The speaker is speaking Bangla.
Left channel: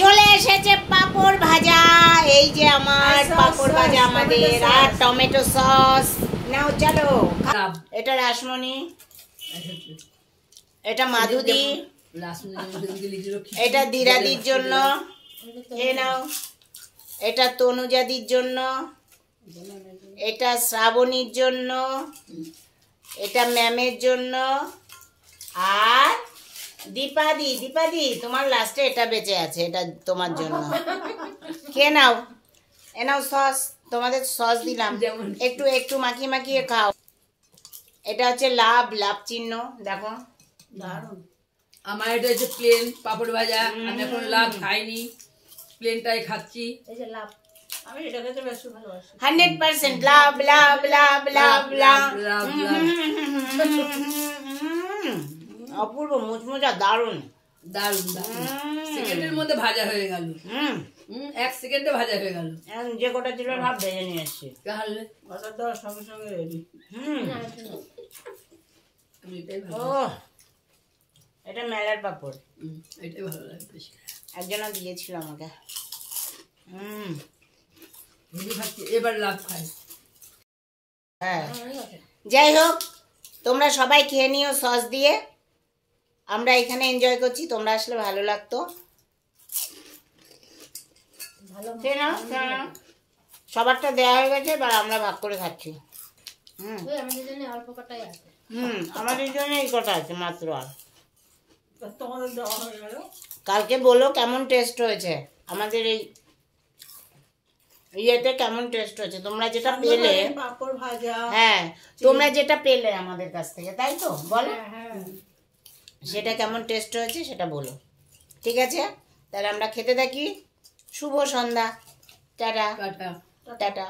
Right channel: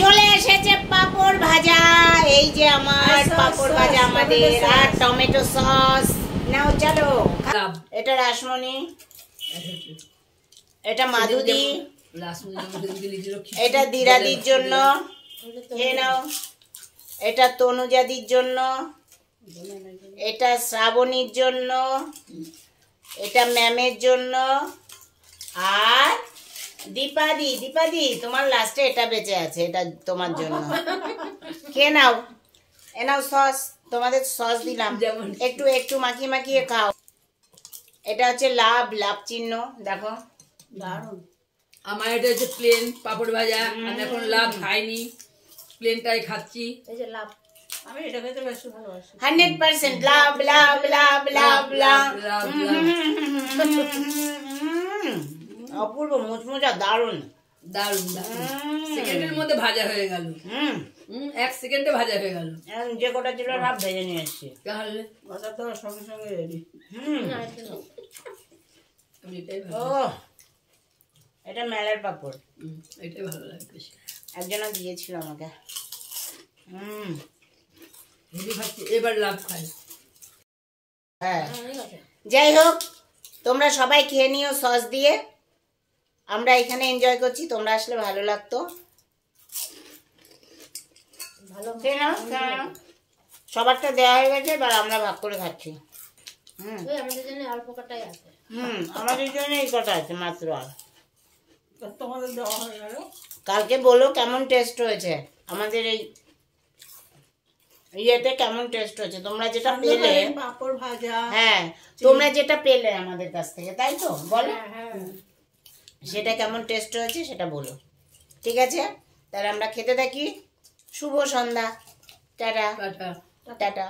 চলে এসেছে পাপড় ভাজা। এই যে আমার পাপড় ভাজা আমাদের, আর টমেটো সস। নাও চলো। এটা রাসমণি, এটা মাধুদি, এটা দিরাদির জন্য, এ নাও। এটা তনুজাদির জন্য, এটা শ্রাবণীর জন্য, এটা ম্যামের জন্য, আর দীপাদি। দীপাদি তোমার লাস্টে এটা বেঁচে আছে, এটা তোমার জন্য। খেয়ে নাও, এ নাও সস, তোমাদের সস দিলাম, একটু একটু মাখিয়ে মাখিয়ে খাও। এটা হচ্ছে লাভ, লাভ চিহ্ন, দেখো দারুণ। আমার এটা হচ্ছে প্লেন পাপড় ভাজা, আমি এখন লাভ খাইনি, প্লেনটাই খাচ্ছি। এই যে লাভ, আমি এটা খেতে বেশি ভালোবাসি। 100% লাভ লাভ লাভ লাভ লাভ। অপূর্ব মুচমুচা, দারুণ দারুণ দারুণ। সেকেন্ডের মধ্যে ভাজা হয়ে গেল। 1 সেকেন্ডে ভাজা হয়ে গেল। যে কটা ছিল সব ভেজে নিয়ে এসছি। তাহলে ভাজা তো সঙ্গে সঙ্গে রেডি। ও এটা মেলার পাপড়, এটাই ভালো লাগে বেশি। একজনা দিয়েছিল আমাকে। এবার লাভ খাই। হ্যাঁ, যাই হোক, তোমরা সবাই খেয়ে নিও সস দিয়ে। আমরা এখানে এনজয় করছি, তোমরা আসলে ভালো লাগতো। সবারটা দেওয়া হয়ে গেছে, এবার আমরা ভাগ করে খাচ্ছি। আমাদের জন্য এই কটা আছে মাত্র। আর তোমাদের দেওয়া হয়ে গেল। কালকে বলো কেমন টেস্ট হয়েছে আমাদের এই ইয়েতে, কেমন টেস্ট হয়েছে তোমরা যেটা পেলে পাপড় ভাজা। হ্যাঁ, তোমরা যেটা পেলে আমাদের কাছ থেকে, তাই তো বলো। সেটা কেমন টেস্ট হয়েছে সেটা বলো, ঠিক আছে? তাহলে আমরা খেতে থাকি। শুভ সন্ধ্যা, টাটা টাটা।